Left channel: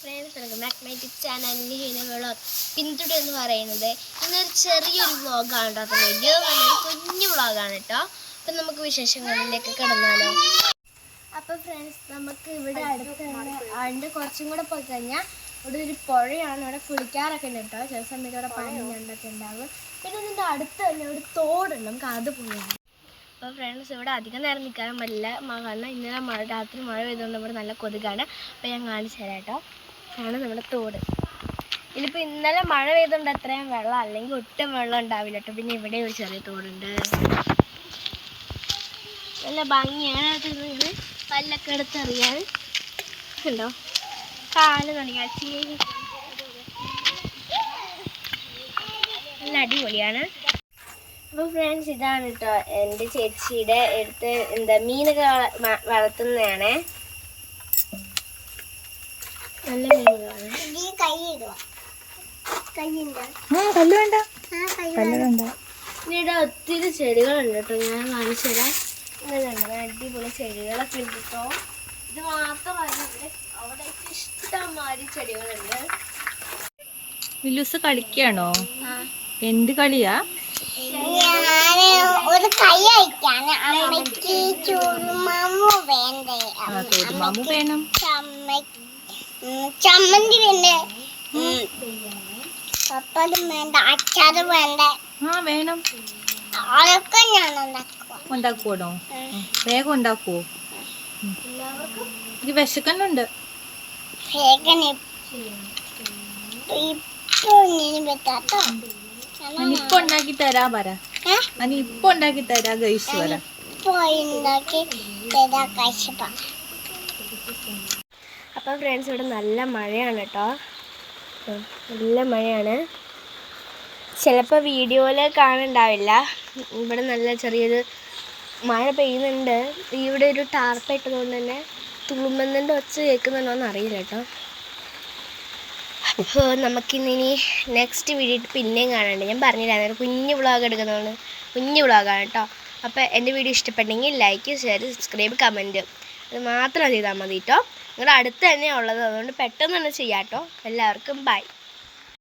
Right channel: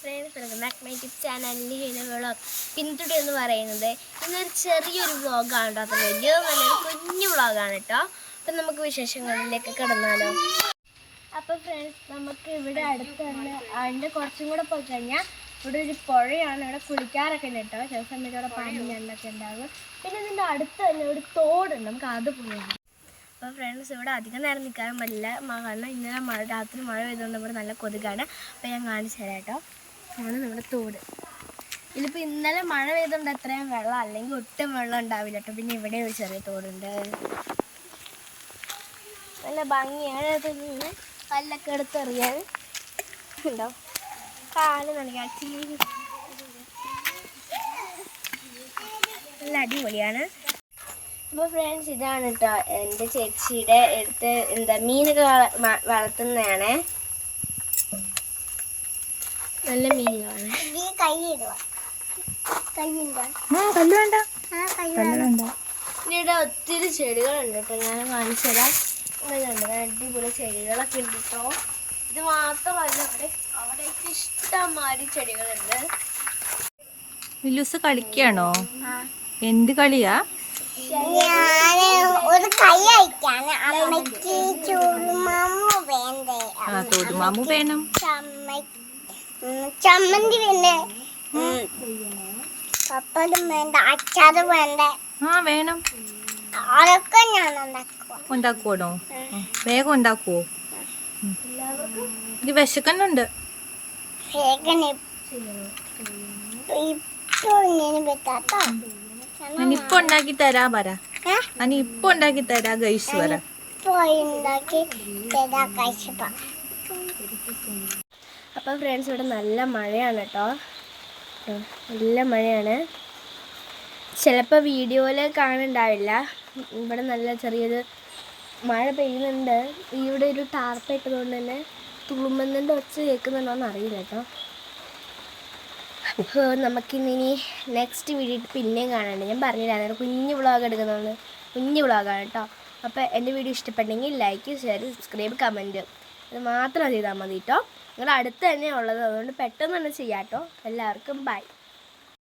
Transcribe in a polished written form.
Friends, welcome back my YouTube ചാനലിൻ്റെ ഹീന vlog. പിന്തുടർ എന്ന് പറയുന്നത് ഇന്നൊരു ചെറിയൊരു വ്ളോഗാണ് കേട്ടോ. അത്ര വലിയ നല്ലൊരു കുഞ്ഞു വ്ളോഗാണ് കേട്ടോ. അപ്പം നമുക്ക് വിശേഷങ്ങളിലേക്ക് കിടന്നാലോ. അപ്പോൾ ഫ്രണ്ട്സ്, നമുക്ക് ഇവിടെ അടുത്ത് തന്നെ അതിൻ്റെ കുറച്ചും കൂടെ പോയി കഴിഞ്ഞാൽ ഇവിടെ ഒരു പുഴയാണ്. ഇവിടെ കുളിക്കാറൊക്കെ ഉണ്ട് കേട്ടോ. ചില സമയത്ത് ഇവിടെ പാമ്പും ഞണ്ടൊക്കെ ഉണ്ടാകും. പിന്നെ ഇതിൻ്റെ അടുത്ത് തന്നെ ഒരു തോടുണ്ട്, നമുക്ക് അത് പോയി. അപ്പോൾ ഫ്രണ്ട്സ്, ഇവിടെ അധികം നേരം നിൽക്കാനും പറ്റില്ല. കാരണം ഇന്നലെ രാത്രി മഴ പെയ്തുകൊണ്ട് ഇവിടെ നല്ല കൊതുകാണ്. അപ്പോൾ ഞാൻ കാണിച്ചു തരാം കേട്ടോ. ആണ് നമ്മുടെ തോട്. ഇതിപ്പോൾ ഇന്നലെ മഴ പെയ്തുകൊണ്ട് അത്രയും വെള്ളം, അല്ലെങ്കിൽ ഒട്ടും വെള്ളം ഉണ്ടാവില്ല കേട്ടോ. പിന്നെ ഇവിടെ ഒരു ചെറിയ തോടുണ്ട്, നല്ല ഭംഗിയാണ്. നിന്ന് കല്ലൊക്കെ എടുത്തെറിയാൻ ഉണ്ടോ, കാല് കാണിക്കാൻ നല്ല അടിപൊളിയാണ്. അപ്പോൾ ഫ്രണ്ട്സ്, ഇതാണ് കേട്ടോ എൻ്റെ ചേച്ചിയുടെ അടുത്ത് മീനൊക്കെ വളർത്തുന്നതാണ്. നല്ല മീനുകളാണ്. ഇവിടെ ഒത്തിരി ചെടികളുണ്ട് കേട്ടോ. ഞാൻ കാണിച്ചു തരാം. ഇങ്ങനെയുണ്ട് അടിപൊളി ചെടികളൊക്കെ ഉണ്ട് കേട്ടോ. ഇത് മാത്രമല്ല, അവിടേക്ക് ഇഷ്ടംമാതിരി ചെടികളുണ്ട്. വിലൂസ് കളിക്കാണോ? എന്ത് കളിയാ? ഒരു കൈ അയക്കാണ്. അമ്മയ്ക്ക് ചുരുമാമു വേണ്ടേ? തോടുമാമു വേണം. ചമ്മന്തി വേണ്ടേ? പപ്പടും വേണ്ട, അച്ചാറും വേണ്ടേ? വേണം. അതൊക്കെ ഞാൻ ഉണ്ടാക്കുവാണോ? വേഗം ഉണ്ടാക്കുവോ? ഇത് വിശക്കുന്നുണ്ട്. ഇപ്പൊ ഉണ്ടാക്കി തരാ പറ. ഇപ്പൊ ഉണ്ടാക്കി തരാ ഗൈസ് പറ. അപ്പം ഫ്രണ്ട്സ്, ഇവിടെ നല്ല മഴയാണ് കേട്ടോ. നല്ല മഴയാണ്. ചിലപ്പോൾ വീഡിയോയിൽ കാണുന്നുണ്ടാവില്ല. ഇവിടെ നല്ല ചെറിയൊരു മഴ പെയ്യുന്നുണ്ട്. ഇവിടെ ഒരു ടാർപ്പ ഇട്ടതുകൊണ്ട് തന്നെ തുളുമ്പുന്നതിൻ്റെ ഒച്ച കേൾക്കുന്നുണ്ടോയെന്ന് അറിയില്ല കേട്ടോ. അപ്പോൾ നമുക്കിനി നെക്സ്റ്റ് വീഡിയോ പിന്നെയും കാണാണ്ട്. ഞാൻ പറഞ്ഞില്ലായിരുന്നു കുഞ്ഞു വ്ളോഗ് എടുക്കുന്നതാണ്. കുഞ്ഞു വ്ളോഗാണ് കേട്ടോ. അപ്പോൾ എൻ്റെ വീഡിയോ ഇഷ്ടപ്പെട്ടെങ്കിൽ ലൈക്ക്, ഷെയർ, സബ്സ്ക്രൈബ്, കമൻറ്റ് അത് മാത്രം ചെയ്താൽ മതി കേട്ടോ. നിങ്ങളുടെ അടുത്ത് തന്നെ ഉള്ളത്, അതുകൊണ്ട് പെട്ടെന്ന് തന്നെ ചെയ്യാം കേട്ടോ. എല്ലാവർക്കും ബൈ.